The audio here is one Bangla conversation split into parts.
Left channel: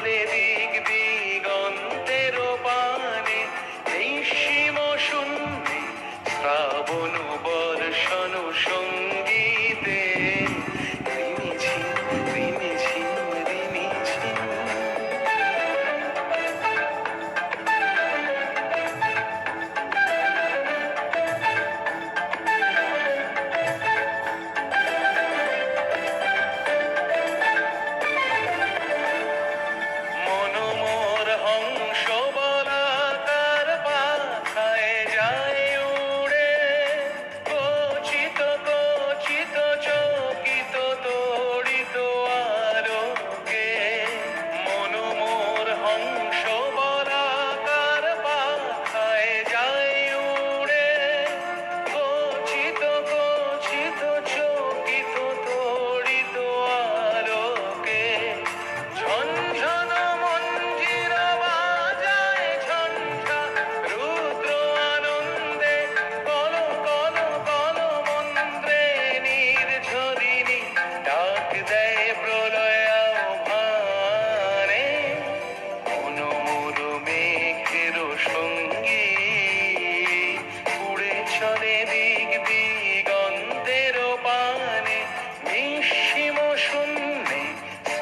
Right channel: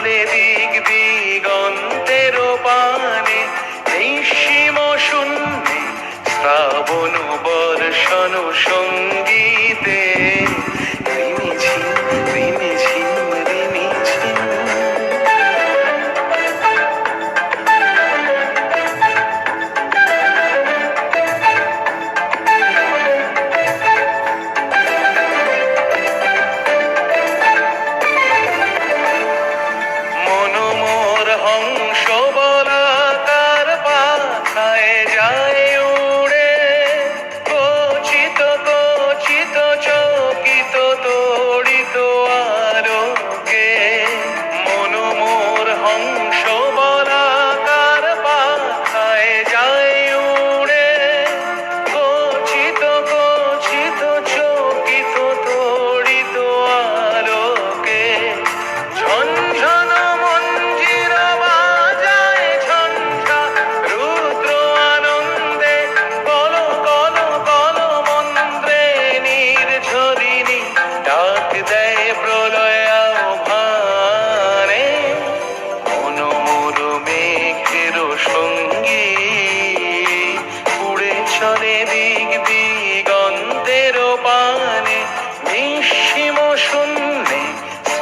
দেবী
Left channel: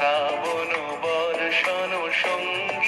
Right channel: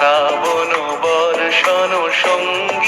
শ্রাবণ বর্ষণ সঙ্গ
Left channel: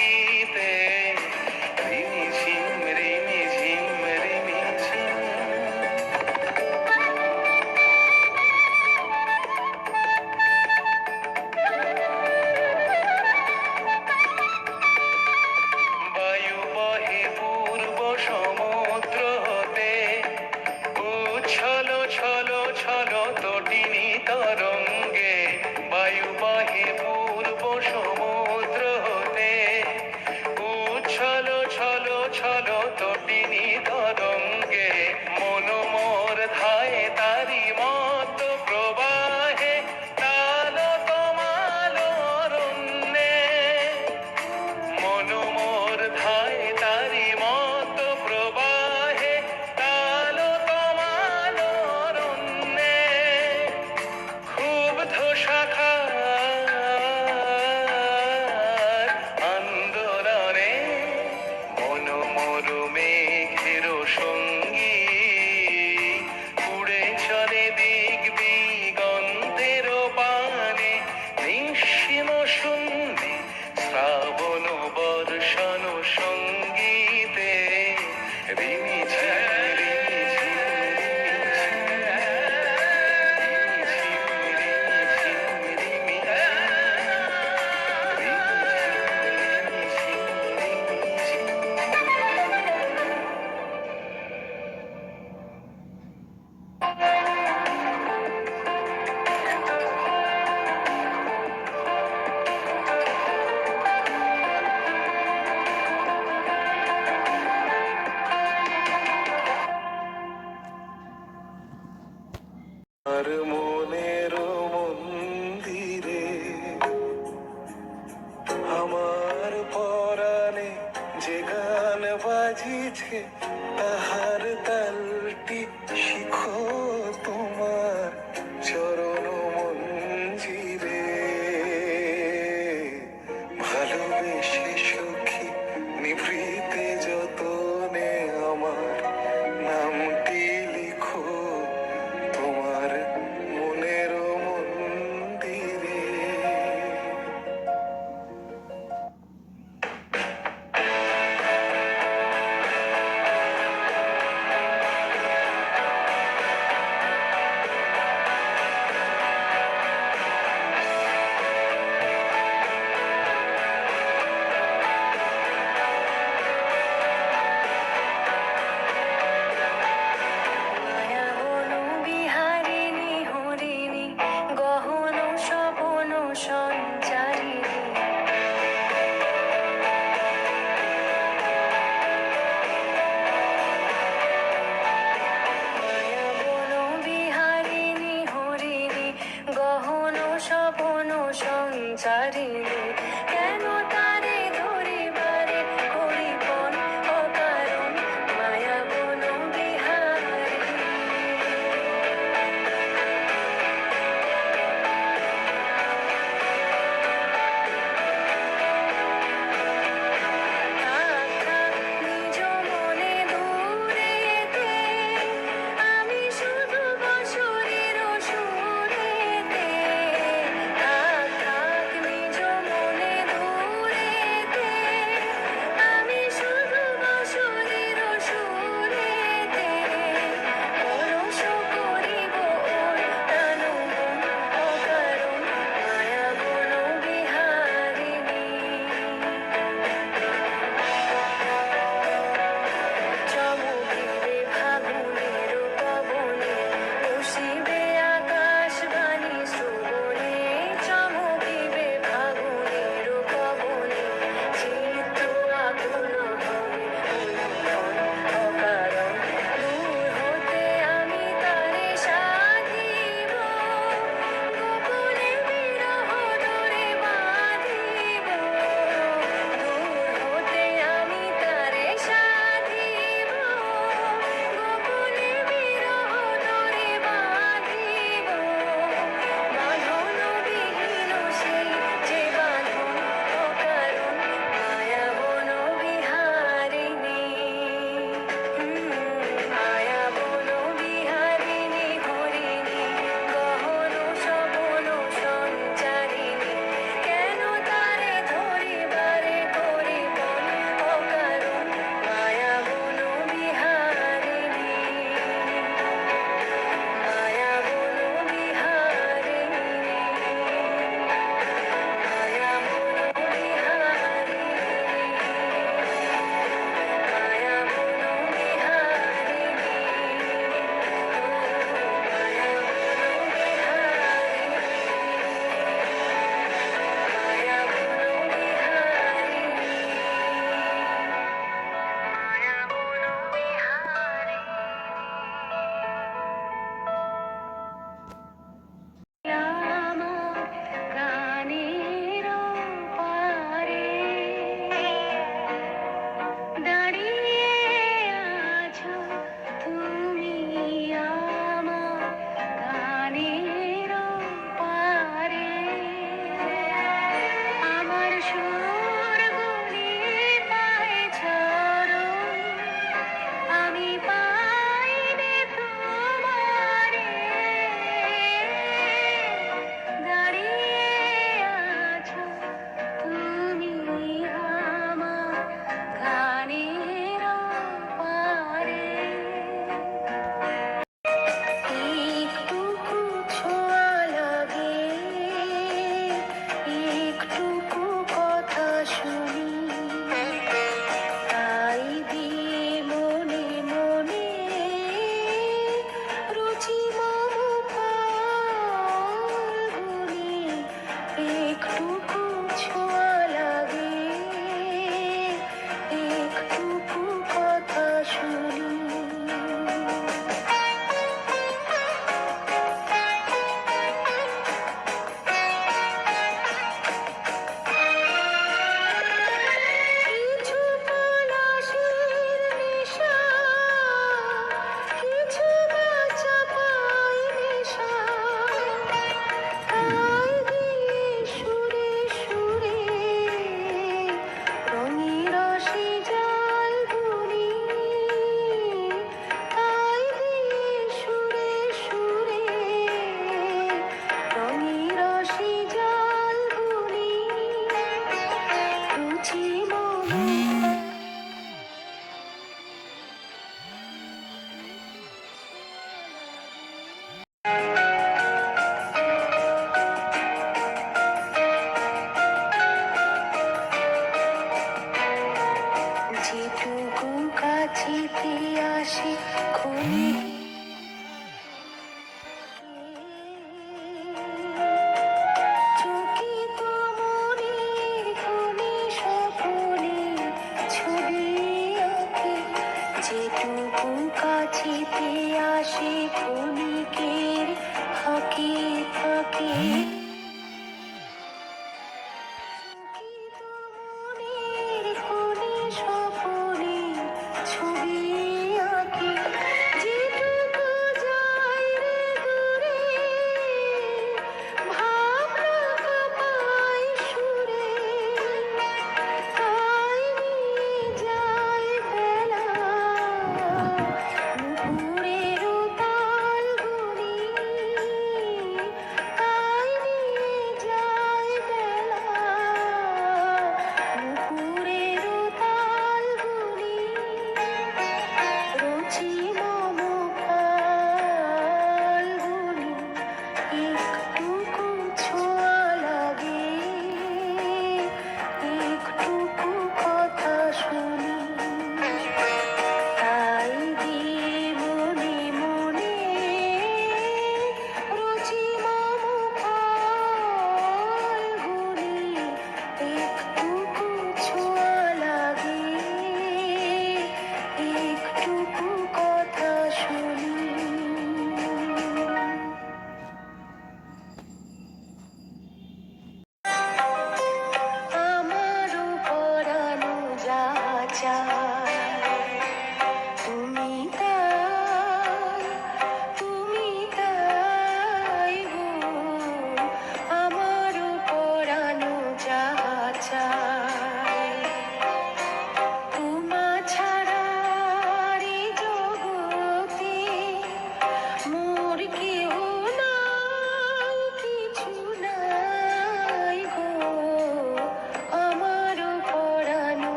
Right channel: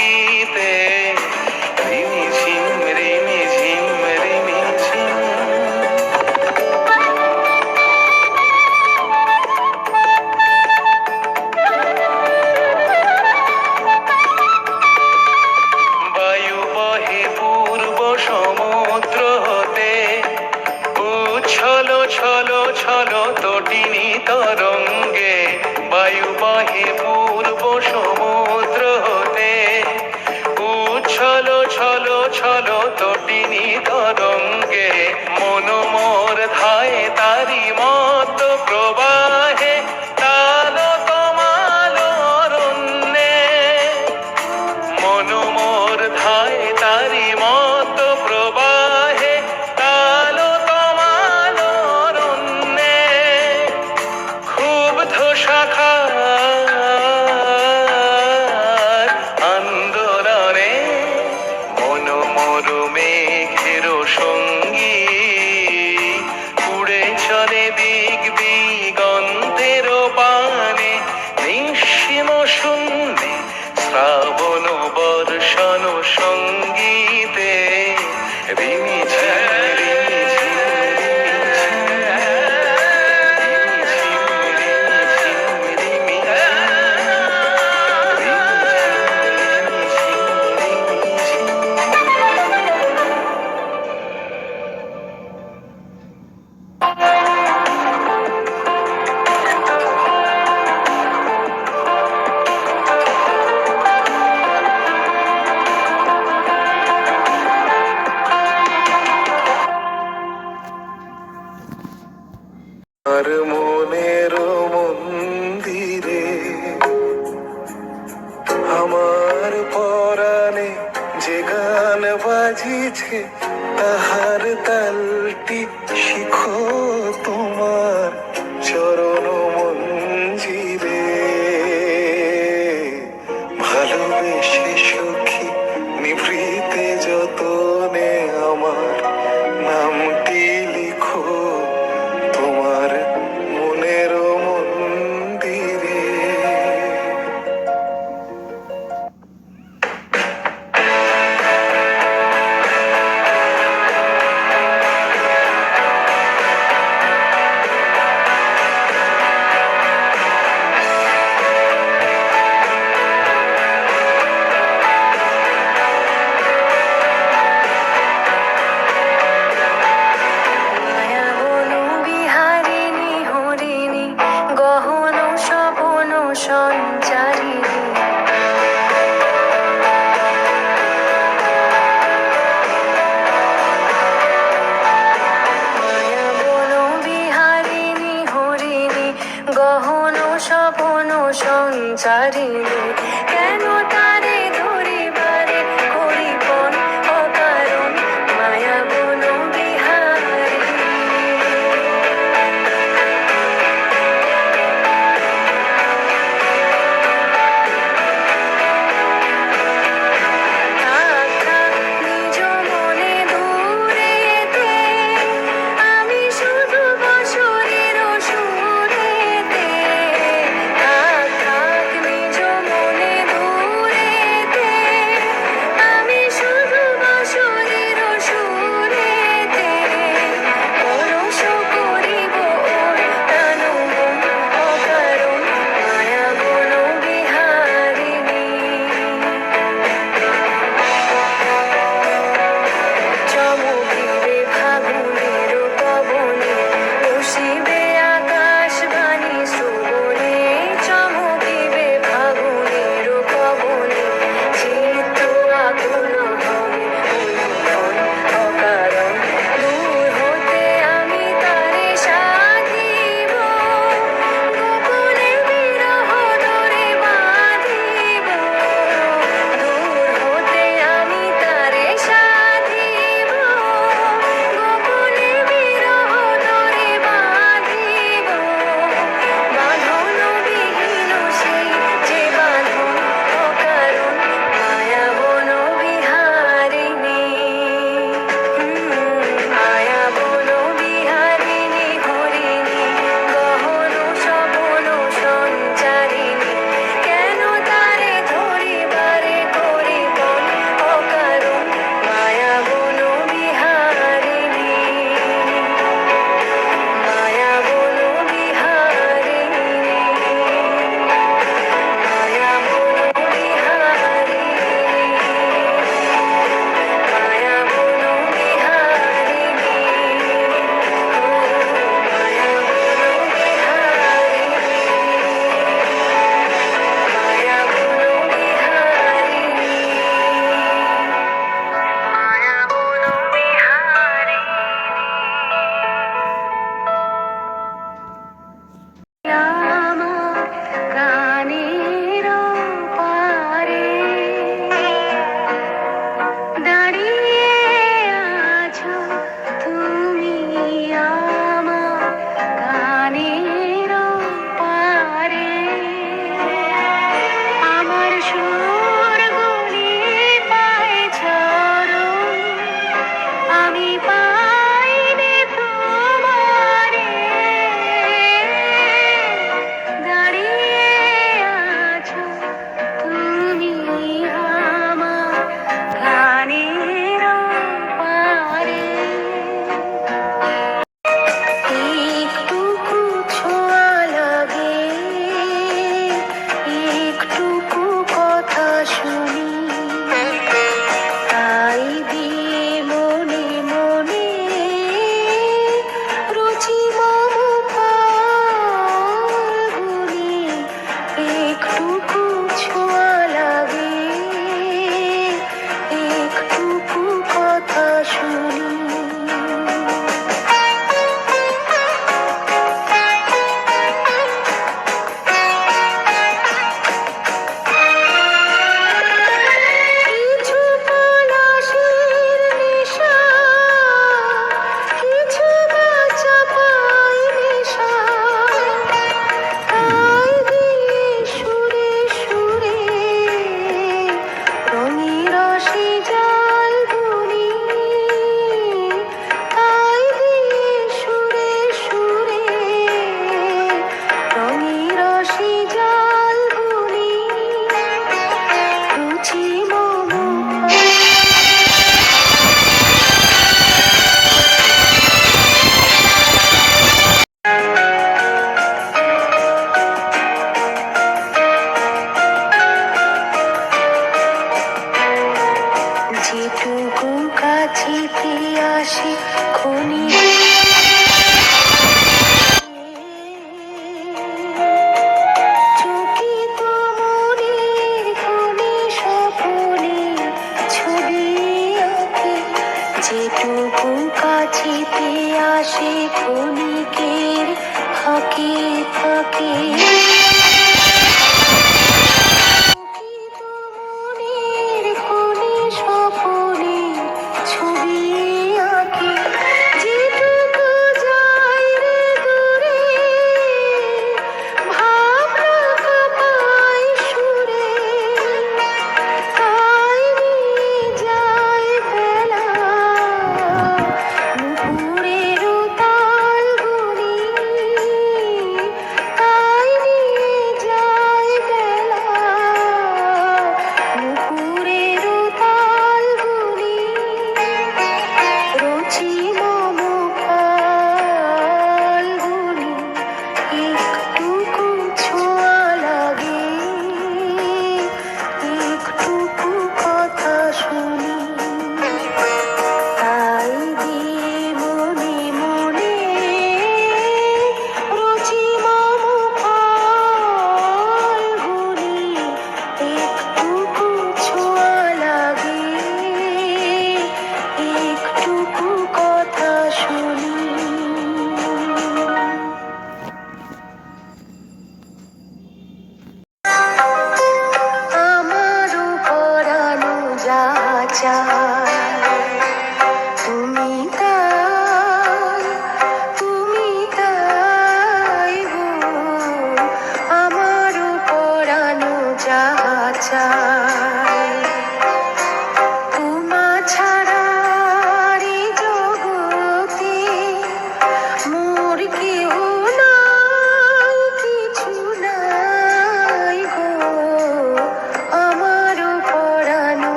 সখী নিভৃতে